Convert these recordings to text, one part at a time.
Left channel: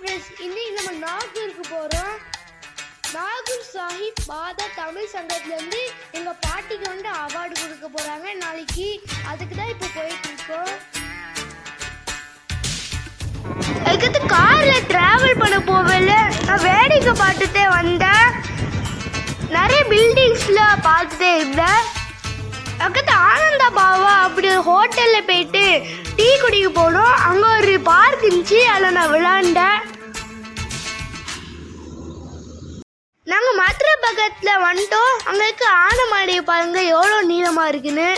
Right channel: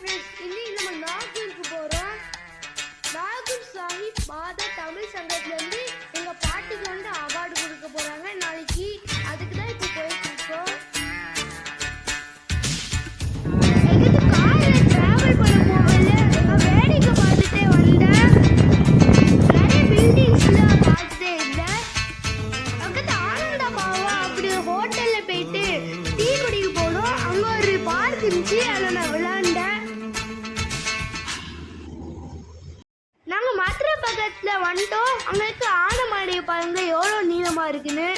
Friends, இன்னைக்கு நம்ம நாகூருக்கு போகிறோம். நாகூர் சாஹிப் மாதா தமிழ் சங்கத்துலேருந்து எங்கள் பாட்டிக்கு வந்து அவார்டு கொடுக்க போகிறாங்க நாளைக்கு. அதுக்கு தான் இப்போ போயிட்டு இருக்கோம். அதுக்கு காரில் ட்ராவல் பண்ண போகல, நான் வேடிக்கை பார்த்துட்டே வந்தேன். நிறைய பில்டிங்ஸ்லாம் பார்த்துட்டே இருந்தேன். அதுக்கு ஆனந்தா பாவா அப்படி ஹோட்டலில் போயிட்டு டீ குடிக்க போனோம். அங்கே ஒரு பார்க் இருந்துச்சு, அதில் நான் விளாண்டேன். நாங்கள் மதுரை பக்கத்தில் வந்துட்டோம். அங்கே இருக்க ஆனமாடியை பாருங்க எவ்வளோ நீளமாக இருக்குன்னு.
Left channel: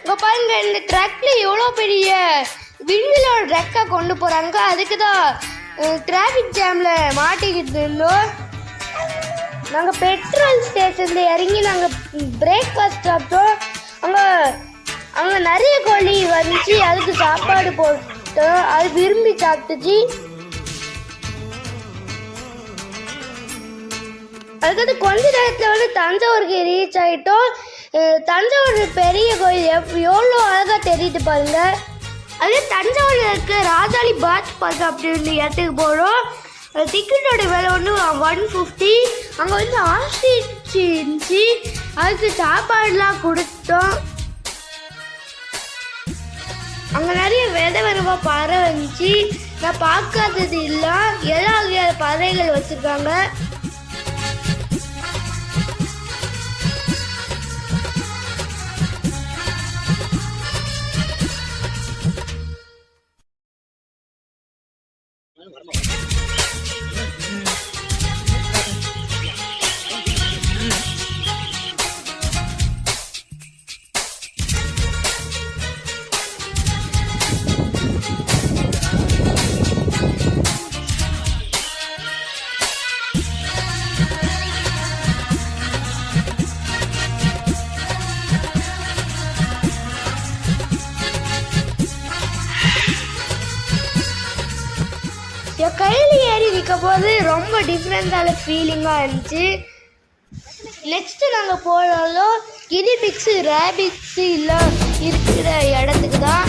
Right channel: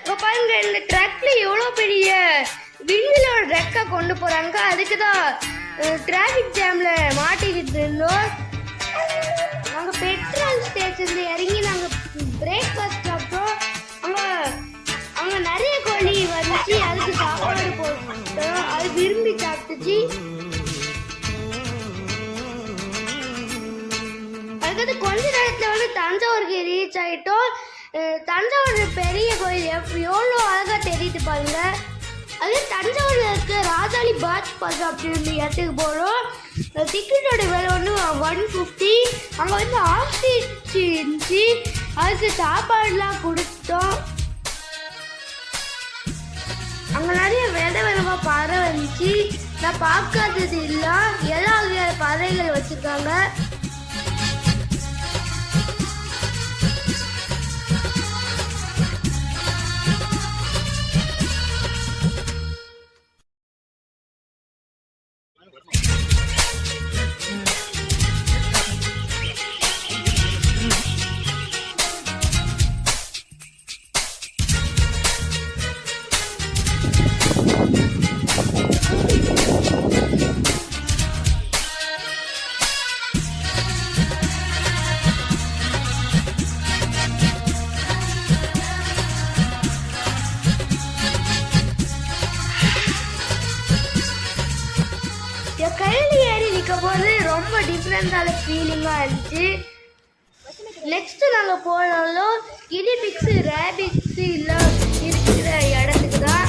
இங்கே பாருங்க, இந்த ட்ரக்ல எவ்வளோ பெரிய விண்வெளியோட ட்ரக்கை கொண்டு போகிறாங்க. அதுக்கு தான் டிராஃபிக் ஜாமில் மாட்டிக்கிட்டு இருந்தோம். நாங்கள் பெட்ரோல் ஸ்டேஷனில் இறங்கி நாங்கள் பிரேக்ஃபாஸ்ட் சாப்பிட்டோம். அங்கே நிறைய கோழி வந்துச்சு, அதுக்கு சாப்பாடு போட்டோம். அது விரும்பி சாப்பிட்டுச்சு. அதுக்கடுத்து கொஞ்ச நேரத்தில் வந்து தஞ்சாவூருக்கு ரீச் ஆகிட்டோம். தஞ்சாவூர் பெரிய கோயில் எவ்வளோ அழகாக தெரியுது பாருங்க. அது தஞ்சாவூரில் இருக்க ராஜாளி பாத் பாஸ் அப்படின்னு இடத்துக்கு போகிறோம். டிக்கெட்டோட விலை வந்து 150. அங்கே வந்து ஆஸ்ட்ரிச் இருந்துச்சு, அதுக்கு சாப்பாடுலாம் கொடுத்தோம். அங்கே நிறைய விதவிதமாக பறவை இருந்துச்சு, நான் பார்க்காதது இல்லை. எல்லா வகையான பறவைகள் வச்சுருக்காங்க. என் கையில் ஏறி நிற்கும் போது ரொம்ப டிஃப்ரெண்டான ஃபீலிங்காக இருந்துச்சு. நெக்ஸ்ட்டு நாங்கள் போனாலும் கினிபிக்ஸு ரேபிக்ஸு இல்லை இருக்கிற இடத்துக்கு தான்.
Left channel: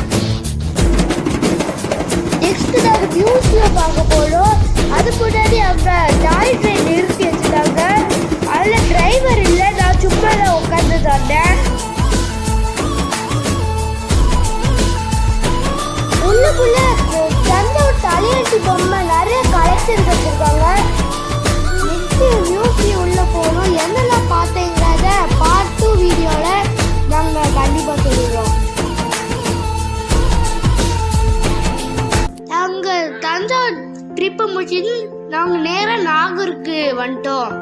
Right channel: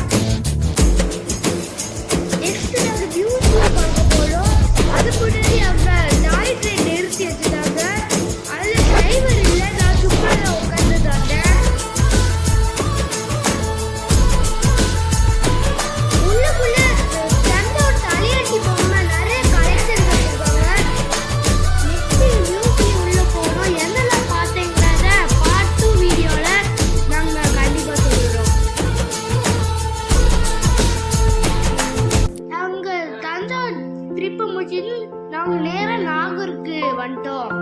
நெக்ஸ்ட்டு நாங்கள் மியூசியம் பார்க்க போனோம். அது முன்னாடி அவங்க டாய் ட்ரெயின் நிறுத்தி வச்சுட்டாங்க. அதில் டிரைவர் இல்லை, நான் சும்மா தான் உட்காந்து தந்தேன். உள்ளுக்குள்ள தஞ்சாவூர் தலையாட்டி பொம்மை நிறைய கலெக்ஷன் வச்சுருக்காங்க. நெக்ஸ்ட்டு மியூசியம் உள்ளே போகணும். என்னெல்லாம் பார்த்தீங்கிறத பார்ட் 2 வீடியோவில் நாங்கள் கண்டிப்பாக சொல்லிடுறோம். நாங்கள் தஞ்சாவூர் ட்ரிப்பு முடிச்சு நாங்கள் நேராக நாகூருக்கு வந்துட்டோம்.